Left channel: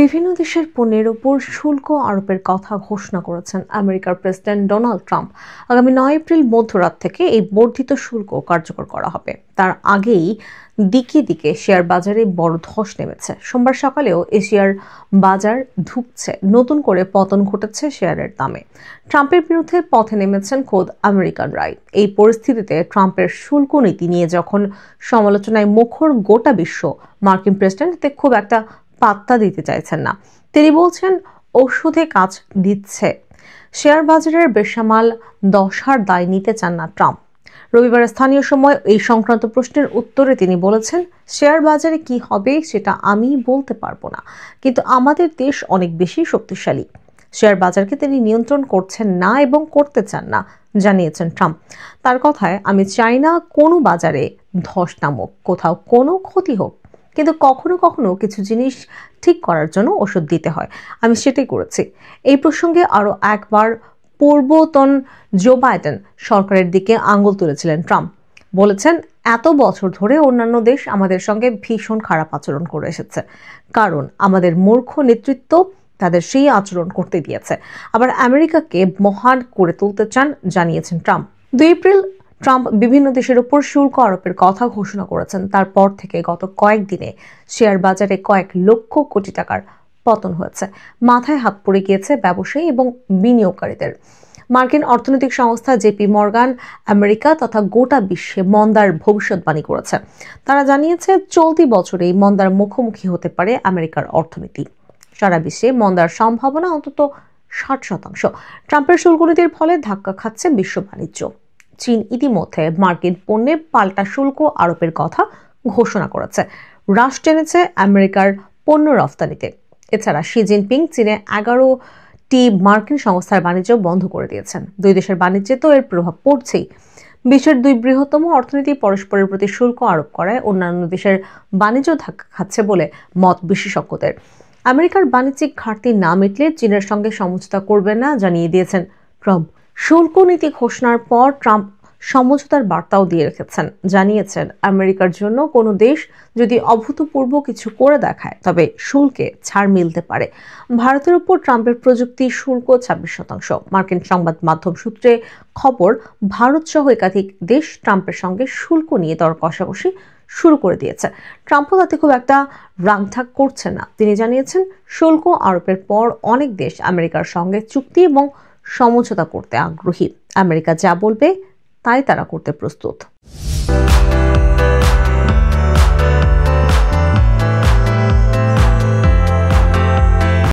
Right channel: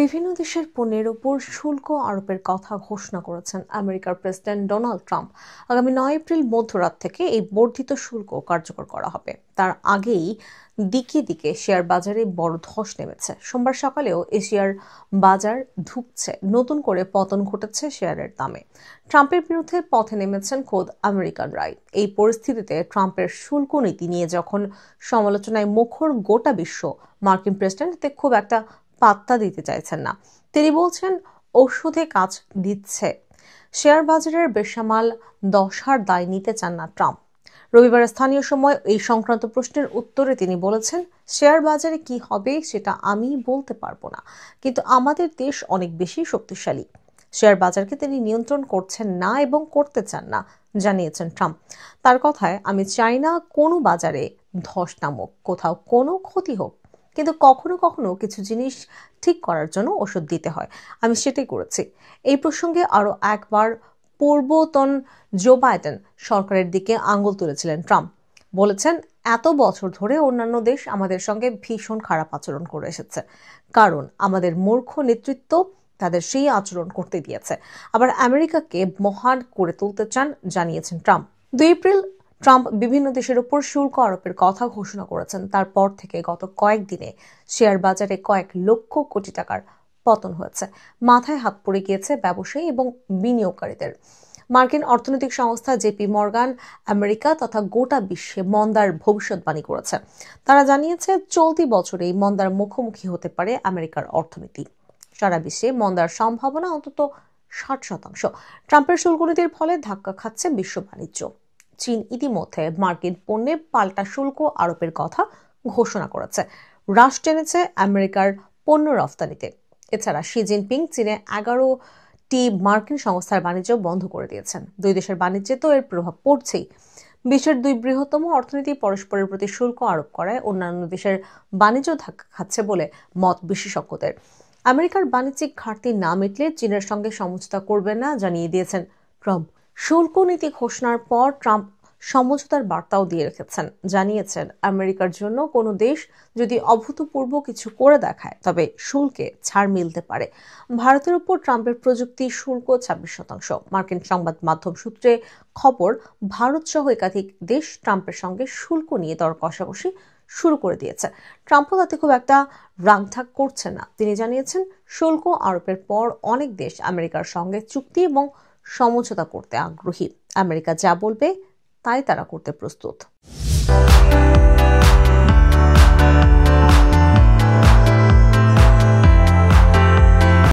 বিভিন্ন দেশের পণ্যের ওপর শুল্ক আরোপের কথা ঘোষণা করেছেন আমেরিকার প্রেসিডেন্ট ডোনাল্ড ট্রাম্প। আগামী 9 এপ্রিল মধ্যরাত থেকে এই বর্ধিত শুল্ক কার্যকর করা হবে। তার আগেই দিকে দিকে শেয়ার বাজারে বড় ধস নেমেছে। সোমবার সকালেও এশিয়ার বাজার ধুঁকছে, নতুন করে পতন ঘটেছে শেয়ারের দামে। ট্রাম্পের বিরুদ্ধে পথে নেমেছেন খোদ আমেরিকানরাই। এই পরিস্থিতিতে ট্রাম্পের শুল্ক নীতি নিয়ে যখন সমালোচনায় মুখর গোটা বিশ্ব, মার্কিন প্রেসিডেন্ট এতে খুব একটা পাত্তা দিতে চাইছেন না। তিনি বলছেন ওষুধে কাজ দিচ্ছে। শেয়ার বাজারের বেসামাল দশার দায় নিতে চান না ট্রাম্প। রবিবার স্থানীয় সময় এই সংক্রান্ত প্রশ্নের উত্তরে তিনি বলেছেন, শেয়ার বাজারে কি হবে সেটা আমি বলতে পারবো না, কিন্তু আমাদের দেশ অনেক বেশি শক্তিশালী। শেয়ার বাজারকে তিনি নিয়ন্ত্রণ করছেন না এবং করতে চান না, জানিয়েছেন ট্রাম্প। তার কথায়, আমি চাই না কোনো বাজারে ধস নামুক, কোথাও কোনো ক্ষতি হোক, কিন্তু কখনো কখনো কিছু জিনিস ঠিক করার জন্য ওষুধ দিতে হয়। আমি সেটাই করেছি। এই প্রসঙ্গে আরো একবার পূর্বতন জো বাইডেন সরকারের দিকে আঙুল তুলেছিলেন ট্রাম্প। বলেছেন, এত বছর ধরে অন্যান্য দেশ আমাদের সঙ্গে ভীষণ খারাপ আচরণ করে এসেছে, কারণ আমাদের মূর্খ নেতৃত্ব তাদের সেই আচরণ করতে দিয়েছে। আবার আমেরিকাকে মহান করে তুলতে চান, জানিয়েছেন ট্রাম্প। 2 এপ্রিল ট্রাম্প বিভিন্ন দেশের উপর শুল্ক আরোপের কথা ঘোষণা করেছেন। তারপর থেকে গত কয়েকদিনে শেয়ার বাজারে কয়েক লক্ষ কোটি টাকার পতন হয়েছে। মাথায় হাত পড়ে গিয়েছে ব্যবসায়ী এবং বিনিয়োগকারীদের। মার্কিন অর্থনৈতিক সংস্থা জেপি মর্গান আমেরিকা তথা গোটা বিশ্বে মন্দার ভবিষ্যৎবাণী করেছে। তারা জানিয়েছে, চলতি বছরে এই মন্দার মুখোমুখি হতে পারে আমেরিকার অর্থনীতি। সারা বিশ্বে মন্দার সম্ভাবনা অন্তত 60%। ট্রাম্পের শুল্ক নীতির ফলে ধাক্কা খাচ্ছে বিশ্ব বাণিজ্য। চীন ইতিমধ্যে মার্কিন পণ্যে পাল্টা শুল্ক আরোপের কথা ঘোষণা করেছে। হ্রাস টেনেছে আমেরিকার পণ্য রফতানিতে। এছাড়া শি জিনপিং চীনে 11টি মার্কিন সংস্থার বাণিজ্য বন্ধ করে দিয়েছেন। দুই দেশের বাণিজ্যে তো এর প্রভাব পড়ছেই। বিশ্বের দুই বৃহত্তম অর্থনীতি পরস্পরের প্রতি শুল্ক আরোপ করায় অন্যান্য দেশের বাণিজ্য ধাক্কা খাচ্ছে বলে মত বিশেষজ্ঞদের। আমেরিকার বাণিজ্যিক ঘাটতি না মিটলে চীনের সঙ্গে সমঝোতা করবেন না, জানিয়ে দিয়েছেন ট্রাম্প। শুল্ক নীতি ঘোষণার পর ট্রাম্প সমঝোতার বার্তাও দিয়ে রেখেছেন। জানিয়েছেন, আমেরিকার জন্য কোনো দেশ যদি অভূতপূর্ব কিছু করে দেখায় তবে শুল্কে ছাড় মিলতে পারে। ভারতের উপর ট্রাম্পের প্রযুক্তি শুল্ক 26%। মার্কিন সংবাদ মাধ্যম সূত্রে খবর, ভারত সহ একাধিক দেশ ট্রাম্পের সঙ্গে শুল্ক নিয়ে দর কষাকষি শুরু করে দিয়েছে। ট্রাম্পও তাতে খুব একটা রাগঢাক করছেন না। তিনি জানিয়েছেন, শুল্ক আরোপের পর অনেক দেশ আমেরিকার সঙ্গে চুক্তি এবং সমঝোতা করতে আগ্রহী। আমেরিকা যা বলবে তাই তারা করতে প্রস্তুত।